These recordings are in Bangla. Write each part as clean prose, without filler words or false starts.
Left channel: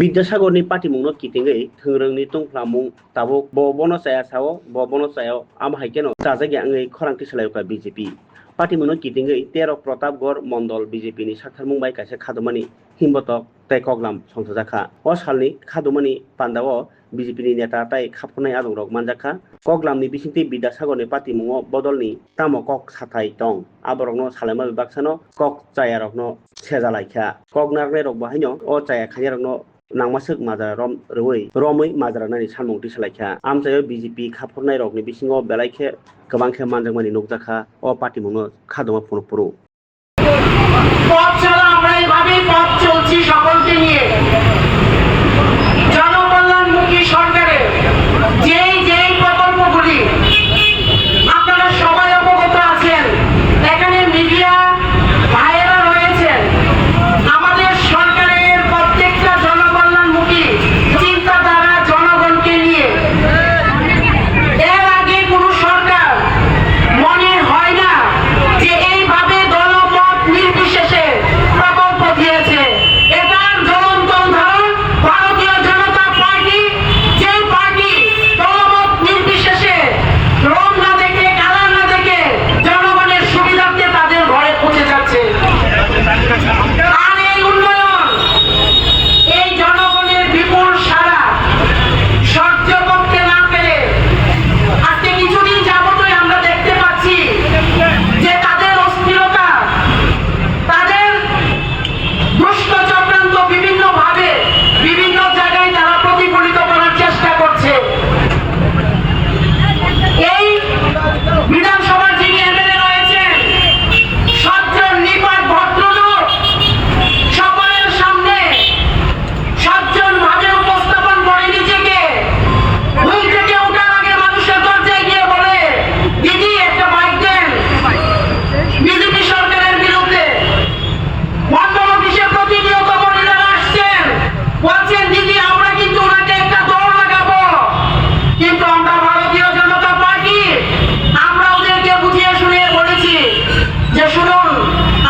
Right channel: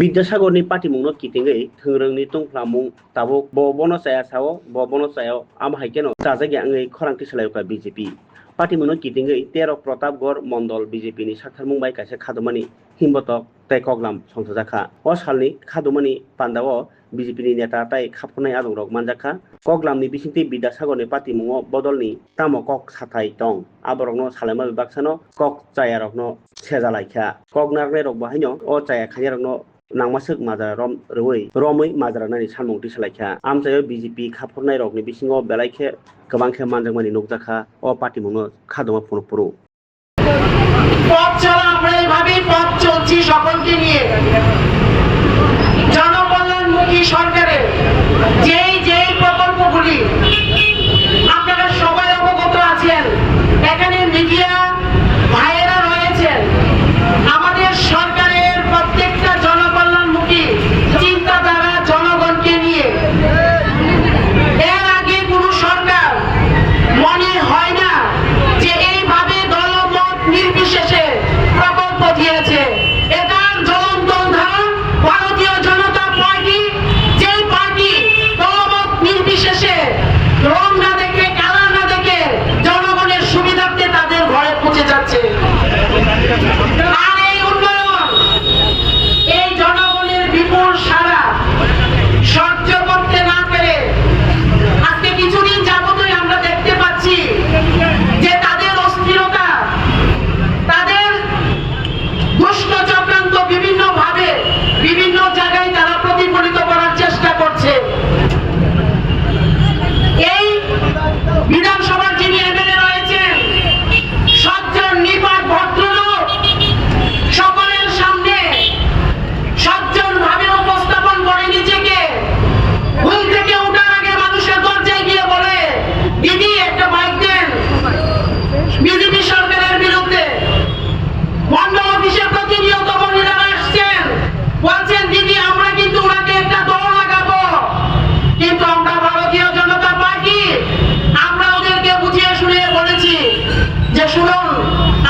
বিদ্যাসাগরনি পাটিমুংনো kitingei thungrungni tungphlamung tabuk bo bono chaya sao bo bono chayao amhaikeno chajagi angei khorangti salayoka BJP patimungno kitingei 13 Pratapgarh Mondol BJP ni sakharmung bai kaisa khadumani himbotok tei koglam songthokjaka o salni khadumani pandao BJP ni neta tai khapkhonai adongrok manjakha koglamni bisingti Bidyasagorni patimungo bodolni tamo kok sathai tong aborokno salaima bibaksano kok chayarokno sejalaikha kognarnai rok bahaino o chaya khairokno nangmasuk majara romui majara nani samung tisalaikha amchayo BJP khapkhornai rokni bisingo belaikhe kwbangkhe manjakmani nukjakha o patimungno khaduma phunupuru পথ চলা আমরা এইভাবেই পথ চলছি সকলকে নিয়ে জনকল্যাণমুখী সরকারের যেই প্রকল্পগুলি আপনারা সবাই অবগত আছেন এখানে মিডিয়া ভাইয়েরা রয়েছেন আমাদের সরকারের প্রত্যেকটা জনকল্যাণমুখী চিন্তাধারা জনগণকে নিয়ে এর আগে কোনো সরকার মনে হয় না যে এইভাবে দলমত নির্বিশেষে প্রকল্প দিয়েছে এটার জ্বলন্ত উদাহরণ ভারতীয় জনতা পার্টি যেই পার্টি দলমত নির্বিশেষে রং না দেখে কালার না দেখে জনগণের সুবিধার্থে তাদের ঘরে পৌঁছে যাচ্ছে আর এই উন্নয়ন এই জনগণের বিপুল সাড়া সহ্য করতে না পেরে আজকে কিছুদিন যাবতই আমরা দেখতে পাচ্ছি যে তাদের অস্থিরতা তাদের দুষ্ট চক্রান্ত বিভিন্নভাবে বিভিন্ন জায়গায় তারা প্রতিফলিত করার চেষ্টা করছে এই বিধানসভার যিনি এমএলএ রয়েছেন সজ্জন নিপাট ভদ্রলোক সকলের সামনে সজ্জন ভাবে উপস্থাপন করে নিজেকে ঘুম থেকে ওঠার আগে মানুষের দরজায় গিয়ে বলে দিদি একটা বাইক দেন বিজেপি সরকারের বিরুদ্ধে মন্ডল অফিসে প্রতিনিয়ত মহিলারা আসছেন বলছেন দিদি আমরা কিন্তু ওনাকে একটা দৌড় লাগাবো কিন্তু আমরা ভারতীয় জনতা পার্টি আমরা ওদেরকে বুঝিয়ে শুনিয়ে বলেছি যে শুনুন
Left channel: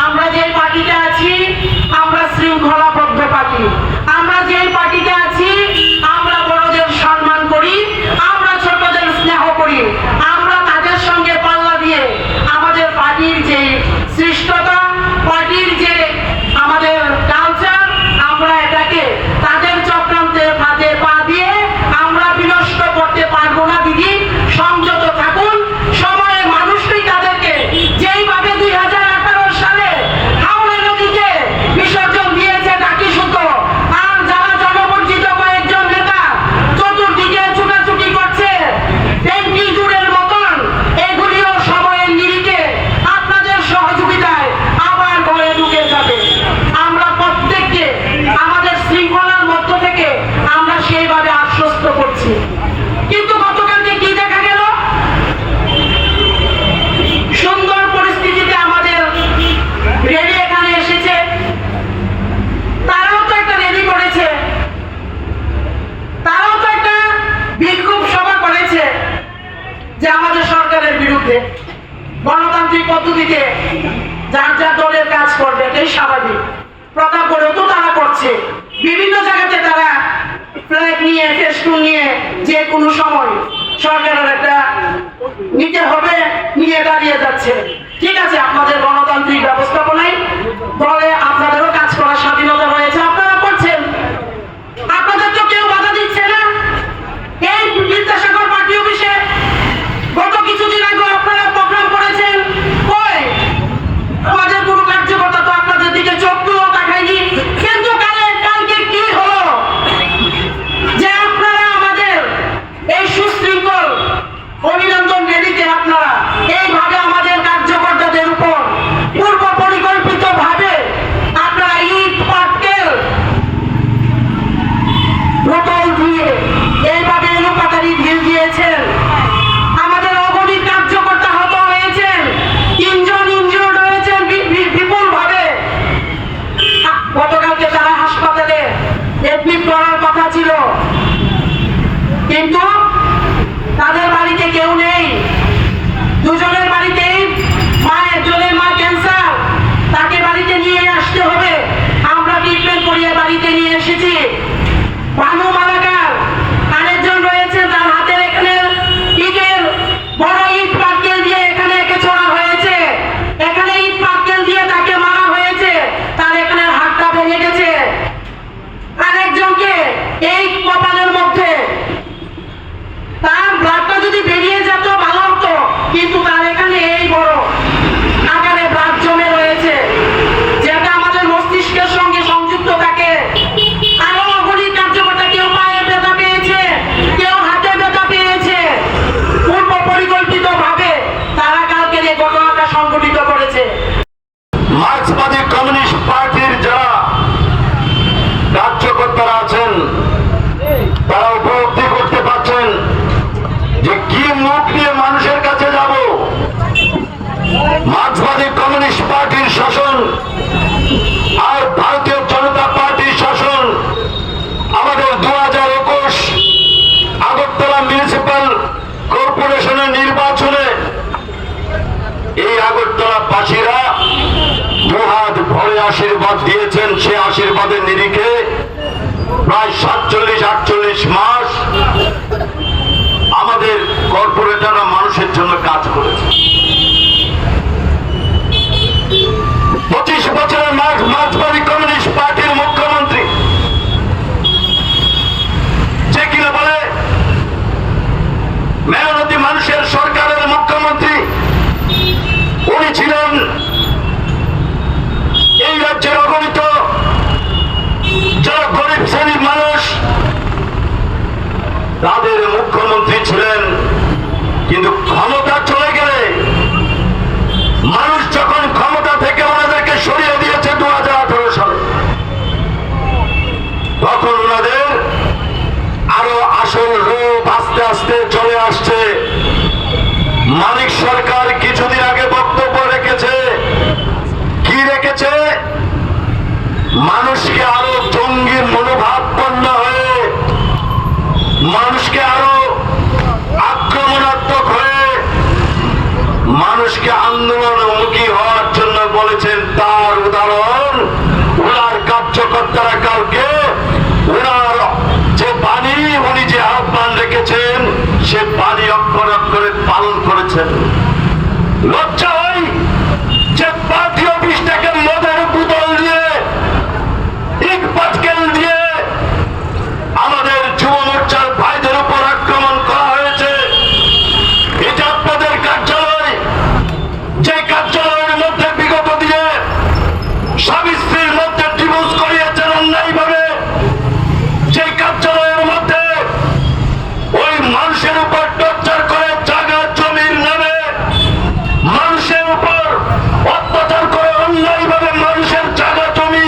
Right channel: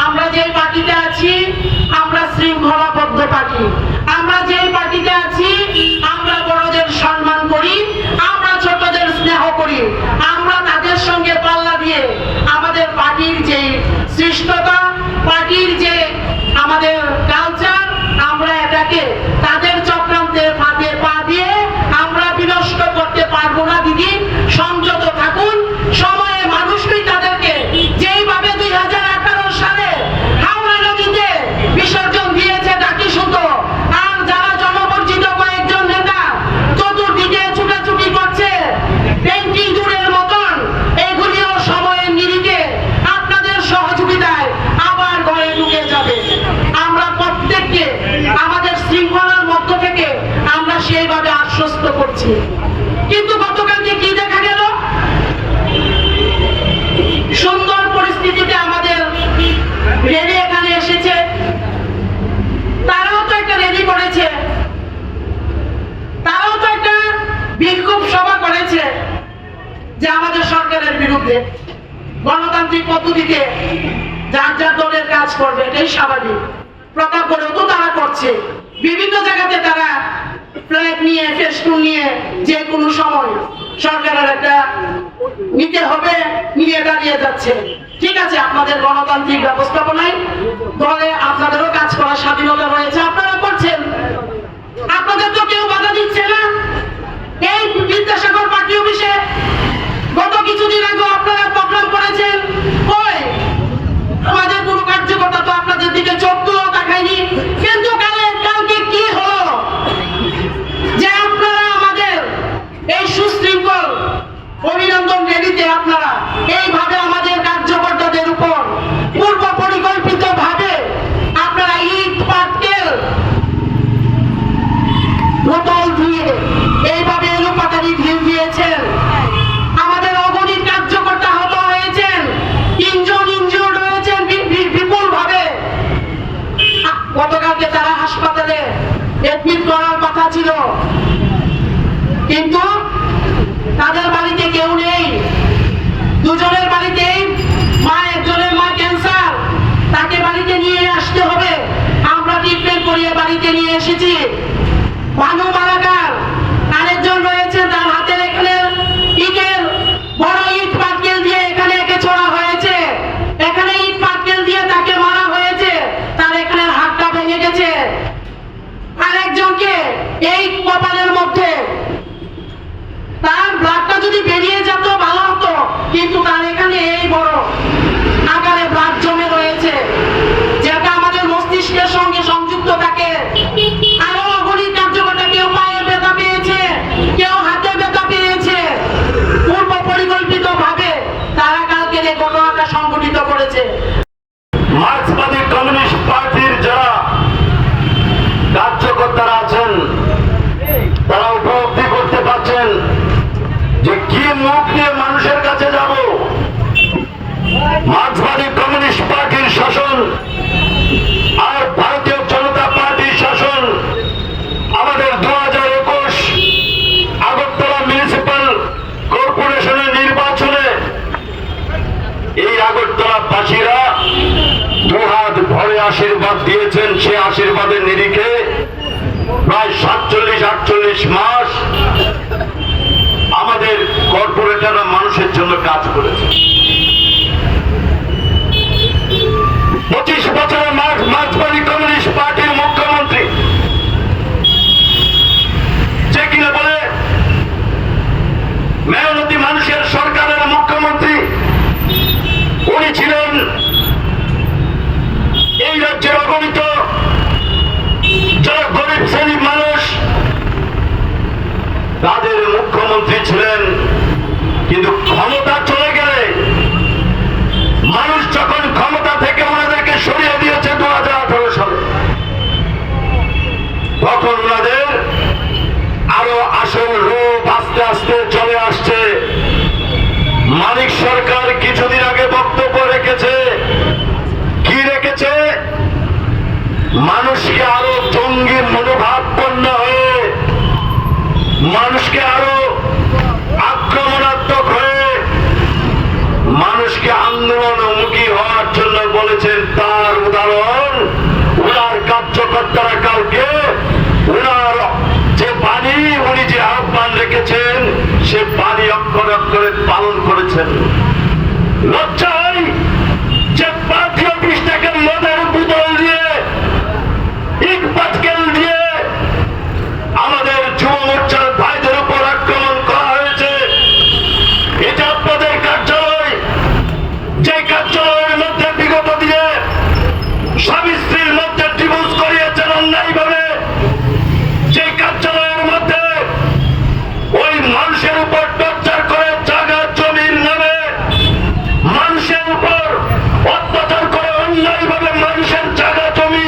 আমরা যে পার্টিতে আছি আমরা শৃঙ্খলাবদ্ধ পার্টি আমরা যে পার্টিতে আছি আমরা বড়দের সম্মান করি আমরা ছোটদের স্নেহ করি আমরা তাদের সঙ্গে পাল্লা দিয়ে আমাদের পার্টির যে সৃষ্টতা পার্টির যে আমাদের কালচার আমরা এটাকে তাদের চক্রান্তের ফাঁদে পা দিয়ে আমরা বিনষ্ট করতে পারবো না দিদি সংযত থাকুন সময়ে মানুষই তাদেরকে যেইভাবে 2018 সালে হাওড়া নদীতে বিসর্জন দিয়েছে ডাকি সুতো আর যারা জনবঞ্চিত কয়েকজন নেতা চতুর্দিকে ছুটাছুটি করছে ব্যাংকিং জুড়ের মতন এগুলিও সময়ের নিরিখে আপনাদের সহযোগিতায় আবার ঘরে ঢুকে যাবে আমরা প্রত্যেককে আমাদের শৃঙ্খলার মধ্য থেকে আমরা সেইভাবে আশ্বস্ত করছি কিন্তু গতকালকে কি দেখা গেল সুন্দর পরিস্থিতিতে আমাদের রেলি এখানে এসেছে তারাও তো একটা রেলি করেছে তারাও তো একটা বিক্ষোভ সভা করেছে যে আমাদের সরকারের বিরুদ্ধে গণতান্ত্রিক পদ্ধতিতে যার যার দলের কাজ করবে এটাই স্বাভাবিক প্রতাপগড়েও তো তারা করছে বিভিন্ন জায়গাতে তারা ফ্ল্যাগ নিয়ে ফেস্টুন নিয়ে যে কোনো সময় সরকারের একটা নিতে হবে নিয়ে দাঁড়িয়ে যাচ্ছে ঠিক আছে আপনাদের গণতান্ত্রিক ব্যবস্থাপনায় দলে আপনাদেরও কাজ করার স্বাধীনতা রয়েছে আপনারা করছেন আপনাদের তো কেউ বাধা দিচ্ছে না এই বিদ্যাসাগর পার্টি অফিসে গত কিছুদিন আগে আপনারা প্রোগ্রাম করেছেন কই আমাদের কোনো কার্যকর্তা তো আপনাদের দিকে চোখ তুলেও দেখায়নি কিন্তু কালকে কি হলো যে আপনারা আমাদের এই সুশৃঙ্খল অভিনন্দন রেলিতে আপনারা এইভাবে আমাদের কার্যকর্তাদের উপর পূর্ব পরিকল্পিত ভাবে আপনারা ইট পাটকেল বোতল দিয়ে এইভাবে এলোপাতাড়ি ঢিল দিয়েছেন আমাদের অগণিত কার্যকর্তা হত হয়েছেন 3 জন ইনজিওর্ড হয়েছেন বিপুল ভাবে গতকালকে তারা হাসপাতালে এডমিট করার কথা ছিল কিন্তু তাদের বাড়িতে কেউ নেই দুজনের বাড়িতেই একজনের মা ক্যান্সার তাকে বাড়িতে নিয়ে আসতে হবে আমরা ট্রিটমেন্ট করিয়ে বাড়িতে নিয়ে এসেছি এই কপালের মধ্যে তার ব্লাডটা যদি বেরিয়ে যেত ভালো হতো, কিন্তু তার এখানে এই বড় আকারে ব্লাড জমে রয়েছে, যেটা আমাদের মস্তিষ্কের সঙ্গে সংযুক্ত থাকে। আরো অগণিত কার্যকর্তা, কেউ পায়ে ব্যথা পেয়েছে, কেউ হাতে ব্যথা পেয়েছে। পূর্ব পরিকল্পিত ভাবে তারা কালকের এই ঘটনাটা সংঘটিত করেছে। মার্ক্সবাদী কমিউনিস্ট পার্টির যারা কার্যকর্তারা আছেন তারা উপলব্ধি করতে পারছেন যে কি মুখ নিয়ে মানুষের কাছে যাব। মার্ক্সবাদী কমিউনিস্ট পার্টির শাসন আর ভারতীয় জনতা পার্টির শাসন আমাদের 2021 আগরতলা মিউনিসিপ্যাল কর্পোরেশনের নির্বাচনে এই আগরতলাবাসীরা দুহাত ভরে আশীর্বাদ দিয়েছেন। সে আশীর্বাদের নিরিখে প্রায় 47-48 মাস আমাদের কর্পোরেটররা মানুষের জন্য কাজ করেছে। 25 বছরের মার্ক্সবাদী কমিউনিস্ট পার্টির মুখ্যমন্ত্রী, যে কিনা বলে মেহনতি মানুষের সরকারের মুখ্যমন্ত্রী, উনি ছিলেন এই রাজ্যের অগণিত যারা গরিব শ্রেণীর মানুষ তাদের মুখ্যমন্ত্রী ছিলেন। কিন্তু ক্ষমতা চলে গেলে মানুষ যখন ক্ষমতা থেকে ওনাদেরকে সরিয়ে দিয়েছে 2018 সালে, তখন ওনাদের আরো আসল রূপ আস্তে আস্তে চলে আসছে। মানিক সরকার কিছুদিন আগে বক্তব্য রেখেছে, কি রেখেছে? মানুষকে আরো জঙ্গি মনোভাবপন্ন হয়ে, মানুষকে আরো আক্রমণাত্মক হয়ে, মানুষকে আন্দোলনমুখী হওয়ার জন্য বলেছেন। তার উদাহরণ ওনার কার্যকর্তারা কালকে ওনার যে বাণী, উনি যে আহ্বান রেখেছেন সে বাণী অক্ষরে অক্ষরে পালন করেছেন। লজ্জা হয় যে পার্টি অফিসটাকে মদের বোতল দিয়ে, ইট পাটকেল দিয়ে আমাদের যুব মোর্চার ভাইদের উপর আক্রমণ করা হয়েছে। এটা আপনাদের কার্যালয়, যে কার্যালয়ের মধ্যে বিগত দিনে স্বামী স্ত্রীর মধ্যে ডিভোর্স করিয়েছেন অন্যায়ভাবে, যে কার্যালয়ের মধ্যে ওই মানুষের উপর টর্চার করে জায়গা জমির নামে মানুষের উপর অত্যাচার করে অন্যায়ভাবে মানুষের জায়গা জমি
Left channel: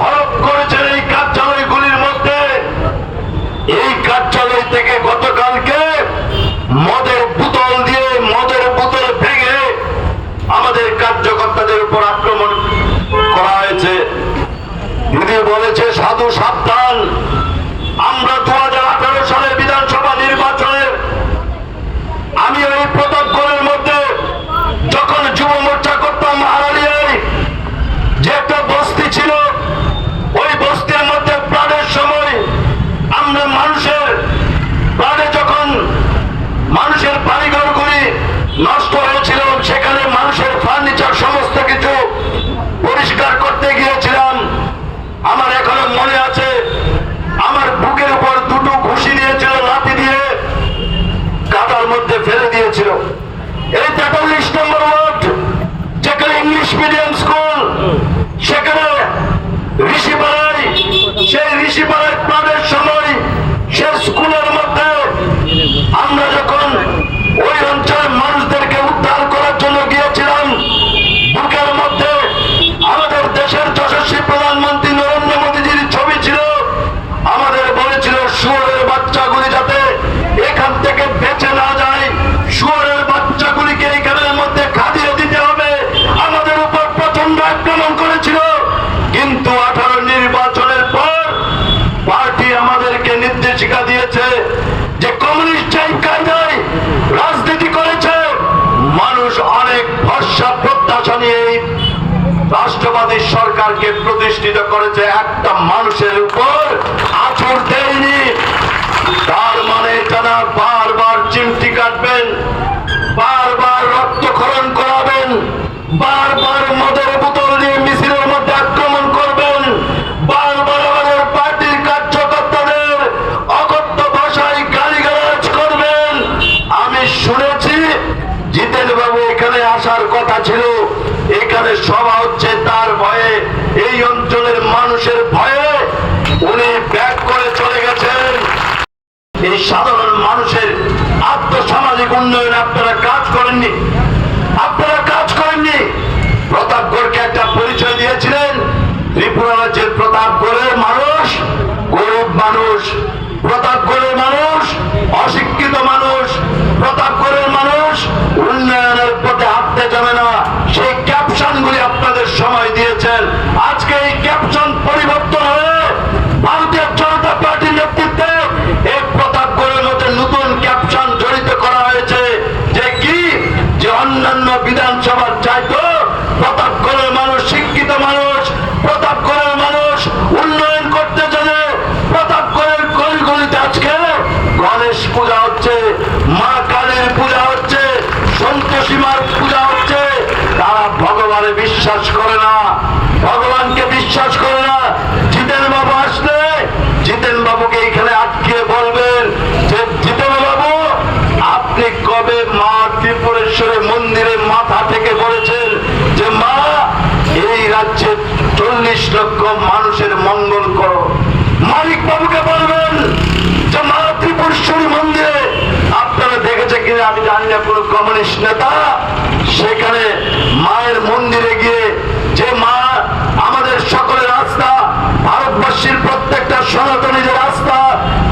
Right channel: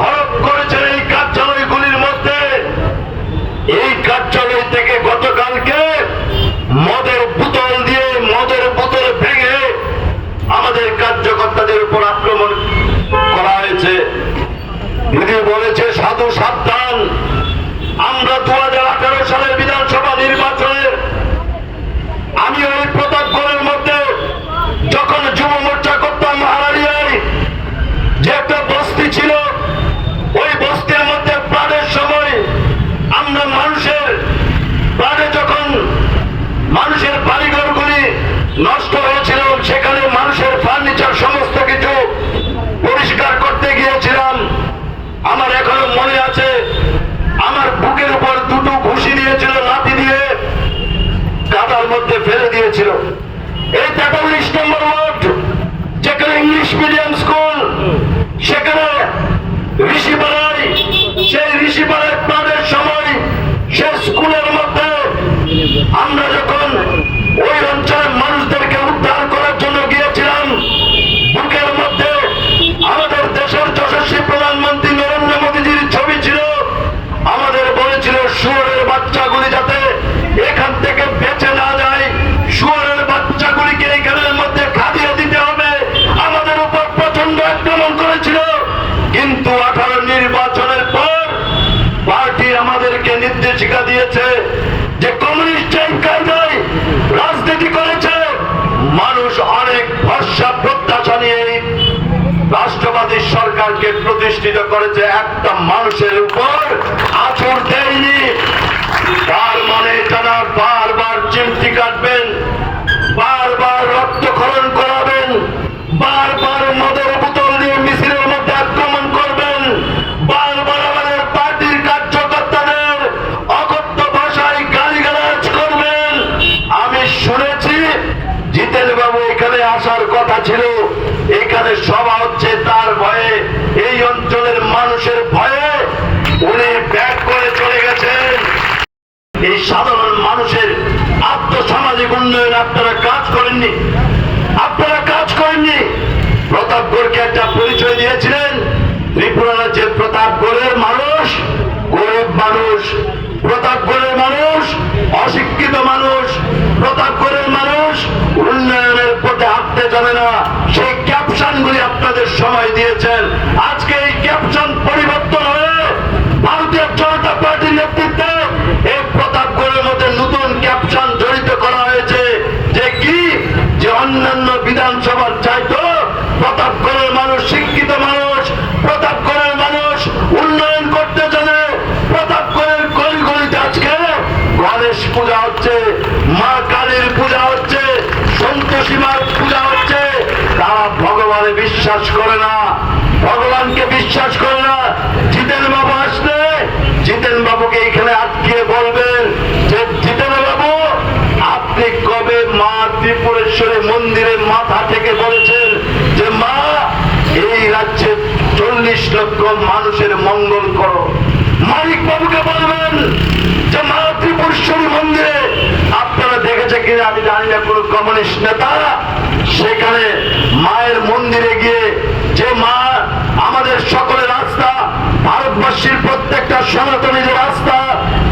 হরপ করেছেন। এই কার্যালয়গুলির মধ্যে, এই কার্যালয় থেকে গতকালকে মদের বোতল দিয়ে, মদের বোতল ভেঙে আমাদের কার্যকর্তাদের উপর আক্রমণ করা হয়েছে। দিদি বলেছে সাধু সাবধান, আমরা 2018 সালের বিধানসভা নির্বাচনে আমি ওই প্রতাপগড়ের মধ্যে যখন যুব মোর্চা করতাম, হারালিয়ায় যে একটা বস্তি ছিল, ওই বস্তির মধ্যে প্লাডের সময় আমরা মানুষের প্লাডে যখন মানুষের বাড়িঘরগুলি নষ্ট হয়েছিল, সেখানে মানুষের ফার্নিচার সমস্ত কিছু পরিষ্কার করতে গিয়েছিলাম। আমার এখনো মনে আছে, আমার বুকের উপর দুটো ঘুষি দিয়েছিল, লাঠি দিয়ে কাদার মধ্যে ফেলে দিয়েছিল। এই 43 নম্বর ওয়ার্ড, যেখানে ইংলিশ মিডিয়াম স্কুল, সেখানে ঋষিপাড়ায়, সেই ঋষিপাড়ায় প্লাডের সময় সে স্কুলের মধ্যে আমরা যখন ওই অঞ্চলের মানুষদেরকে উদ্ধার করার জন্য গিয়েছিলাম, বুকের মধ্যে আমাদের দেশের যশস্বী প্রধানমন্ত্রী নরেন্দ্র মোদীজির ছবি ছিল। আমাদের বলেছিল শুয়োরের বাচ্চাগুলি যাতে এখান থেকে বেঁচে না যায়, শুয়োরের বাচ্চাগুলিকে এখানের মধ্যে খাদিয়ে দিতে হবে। আমাদের উপর প্রচন্ড আক্রমণ করেছিল। কিন্তু 18 নির্বাচনের পর পার্টি আমাদেরকে নির্দেশিকা দিয়েছে যে কমিউনিস্ট যে কায়দায় রাজনীতি করেছে, মানুষ অনেক ভরসা প্রত্যাশা নিয়ে রাষ্ট্রবাদী সরকারকে প্রতিষ্ঠিত করেছে, একটা মানুষের উপর আঁচড় দেয়নি। তার মানে তারা বারবার চিমটি কাটবেন, বারবার রক্তক্ষরণ করাবেন, বারবার মদের বোতল দিয়ে মিছিলের মধ্যে আক্রমণ করবেন, বারবার আমাদের পার্টির কার্যকর্তাদের ছিল, এখানে সভা হচ্ছে তার ভয়ে, এই অঞ্চলের মানুষের ভয়ে উনি ব্যাক করে চলে গেছেন। এই সাধারণ মানুষের আর্থসামাজিক উন্নয়নে আপনারা কাজ করেননি, আপনারা কাজ করেননি। প্রতাপগড়কে একটা পরিচয় দিয়েছিলেন, ত্রিপুরা রাজ্যের প্রতাপগড়ের মানুষ গরিব মানুষ, প্রতাপগড়ের মানুষ অশিক্ষিত মানুষ, প্রতাপগড়ের মানুষ উন্নয়নের পথে হাঁটতে জানে না। সেই ক্যাপশন গুলি আপনাদের সময় দিয়েছেন। আজকে এই ক্যাপশন পরিবর্তন হয়ে ভারতীয় জনতা পার্টির নেতৃত্বে এই প্রতাপগড়ের মধ্যে নতুন ক্যাপশন জড়িত করা হয়েছে, যে কি যে অন্যান্য বিধানসভার চাইতো প্রতাপগড়ের মানুষ শিক্ষিত মানুষ, প্রতাপগড়ের মানুষ উন্নয়ন করতে জানে। প্রতাপগড়ের গলিগলিতে আজকে গণেশ পূজা হচ্ছে, মা কালীর পূজা হচ্ছে, সন্তোষী মার পূজা হচ্ছে। তারা ভগবানে বিশ্বাস করে না, ভগবানকে বিশ্বাস করে না। জিতেন বাবু আসলে জিতেন বাবুকে এখানে আটকিয়ে বলবেন যে জিতেন বাবু আপনি কবে মা ত্রিপুরেশ্বরী মন্দিরের মাথা থেকে বলেছেন যে মা এই রাজ্যে 40 লক্ষ মানুষের মঙ্গল করো? মালিক বাবুকে বলবেন যে মা ত্রিপুরেশ্বরী মন্দিরে আপনারা দেখেছে কিনা আমি জানি না, কোন কমিউনিস্ট নেতা সেখানে মায়ের মন্দিরে গিয়ে যে মা আমাদের সকলের আস্থা, ভারতবর্ষের প্রত্যেকটা সনাতনীদের আস্থা,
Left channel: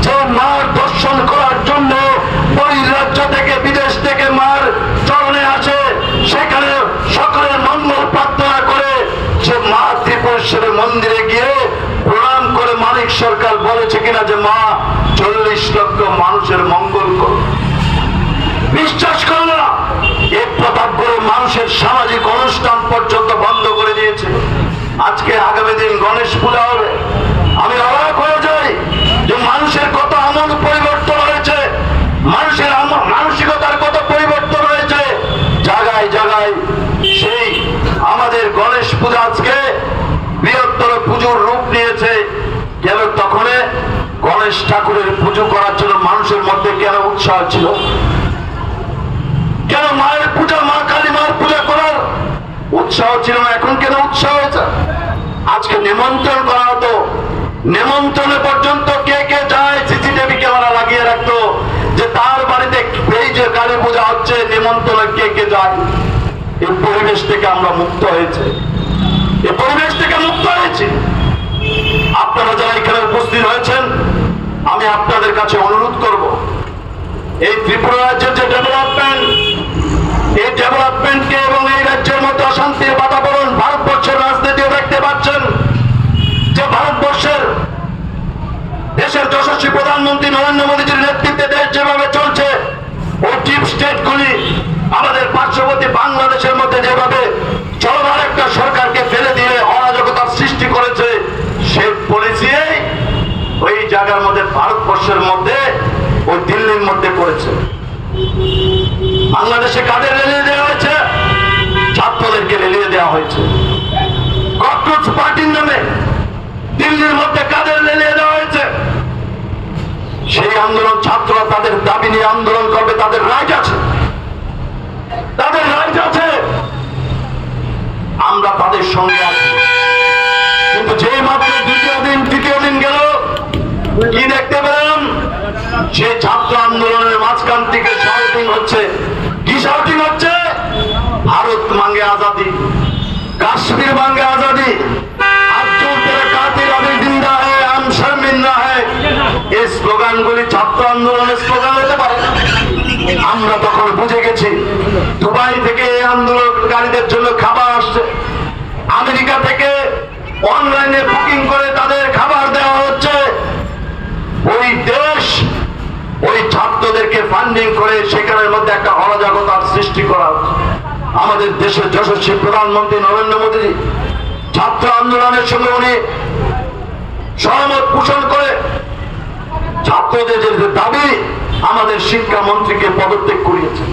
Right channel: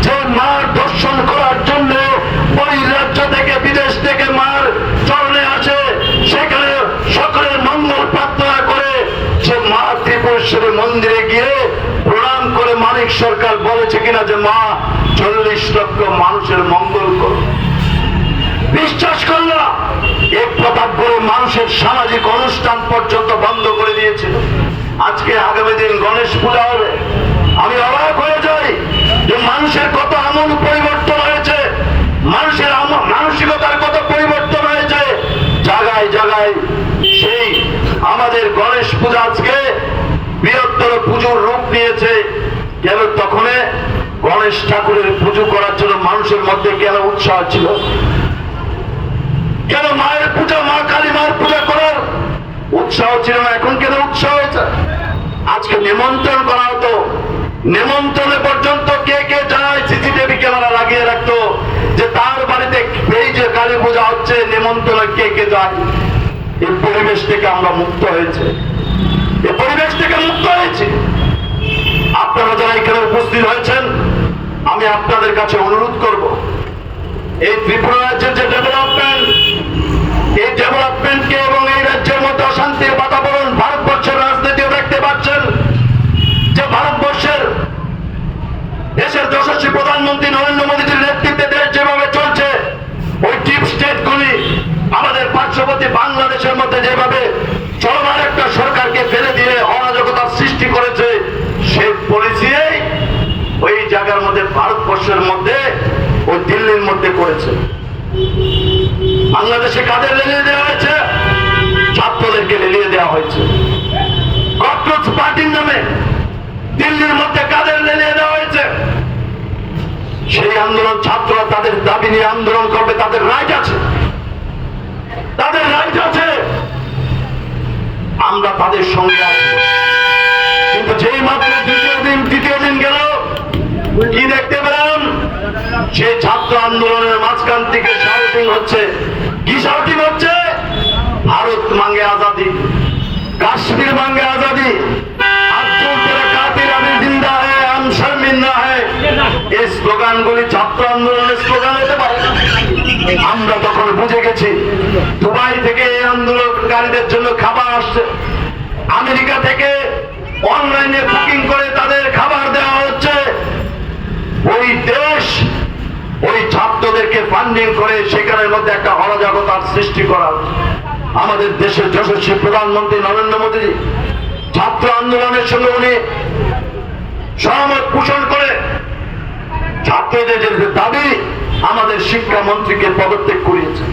যে মার দর্শন করার জন্য বহির্রাজ্য থেকে বিদেশ থেকে মার চরণে আসে, সেখানে সকলের মঙ্গল প্রার্থনা করে সে মা ত্রিপুরেশ্বরী মন্দিরে গিয়ে প্রণাম করে মানিক সরকার বলেছে কিনা যে মা 40 লক্ষ মানুষের মঙ্গল করো? বিশ্বাস করল না। এক প্রতাপগড়ে মানুষের সামাজিক অনুষ্ঠান পর্যন্ত বন্ধ করে দিয়েছিল। আজকে আগামী দিন গণেশ পূজা হবে, আমি অবাক হয়ে যাই যে মানুষের কত আমল পরিবর্তন হয়েছে, মানুষের মানসিকতার কত পরিবর্তন হয়েছে। জায়গায় জায়গায় সেই আমাদের গণেশ পূজা আজকে বৃহত্তর পুজোর রূপ নিয়েছে। কেন তখন গণেশ ঠাকুরের পুজো করার জন্য মানুষের মধ্যে কেন উৎসাহ ছিল? কেন মায়ের পূজা, মা কালী মায়ের পূজা করার উৎসাহ ছিল না? এখন কেন উৎসাহ হয়েছে? আজকে নিমন্ত্রণ করা হতো, নিমন্ত্রণে পর্যন্ত কে কে যায় সিসিটিভি ক্যামেরা লাগিয়ে রাখতো যে তার বাড়িতে এই যে কালী পূজা হচ্ছে নিমন্ত্রণে কে কে যায়। এই পরিবেশ থেকে আমরা মুক্ত হয়েছে, এই পরিবেশ থেকে মুক্ত হয়েছে। আপনারা যারা এখানে উপস্থিত হয়েছেন, আমি আপনাদের কাছে অনুরোধ করব, এই ত্রিপুরা রাজ্যের যে ডেভেলপমেন্ট, এই ডেভেলপমেন্টকে এবং এই রাজ্যের মধ্যে অশান্তির বাতাবরণ ভারতবর্ষের রাজনীতিও দেখতে পাচ্ছেন যে ভারতবর্ষের দেশের যশস্বী প্রধানমন্ত্রী নরেন্দ্র মোদীজির নেতৃত্বে দেশ যেভাবে চলছে, ওই ডিপ স্টেটগুলি আমাদের পার্শ্ববর্তী বাংলাদেশের মধ্যে যেভাবে চলমান একটা সরকারকে ফেলে দিয়ে অরাজকতার সৃষ্টি করেছে, সেই পলিসি ওই জায়গার মধ্যে ভারতবর্ষের মধ্যে ওই দিল্লির মধ্যে করেছে। বাংলাদেশে কাদের রেলিয়ে দেওয়া হয়েছে? ছাত্রদেরকে রেলিয়ে দেওয়া হয়েছে। ককরোচ পার্টির নামে দিল্লির মধ্যে কাদের রেলিয়ে দেওয়া হয়েছে? সেই আন্দোলন ছাত্ররা তাদের দাবি নিয়ে আন্দোলন করবে, তাদের রাইট আছে, তাদের রাইট আছে, আমরা তাদের সঙ্গে আছি। কিন্তু যেই মাত্র দ্বিতীয় দিন গেল, কি দেখতে পেলাম? সেই ছাত্র আন্দোলনের মাঝখান থেকে শাউটিং হচ্ছে। কি শাউটিং হচ্ছে? ভারত মাঙ্গে আজাদি, কাশ্মীর মাঙ্গে আজাদি, জিন্দা হ্যায়, আম শর্মিন্দা হ্যায়। এই স্লোগানগুলি ছাত্র আন্দোলনের স্লোগান হতে পারে। আমরা তখন বুঝে গেছি দুবাই থেকে এই আন্দোলনকারীদের জন্য খাবার আসছে, আমেরিকা থেকে অনলাইনে বুকিং করে তাদের খাবার দেওয়া হচ্ছে। ওই দেশ ওই ছাত্রদেরকে ফান্ডিং করে সেখানের মধ্যে একটা অরাজকতার সৃষ্টি করা। আমাদের দেশের যশস্বী প্রধানমন্ত্রী নরেন্দ্র মোদী ছাত্র আন্দোলনের সঙ্গে উনি সহমত পোষণ করে ছাত্রদের যে দাবি আমাদের শিক্ষামন্ত্রীকে পদত্যাগ করিয়েছেন।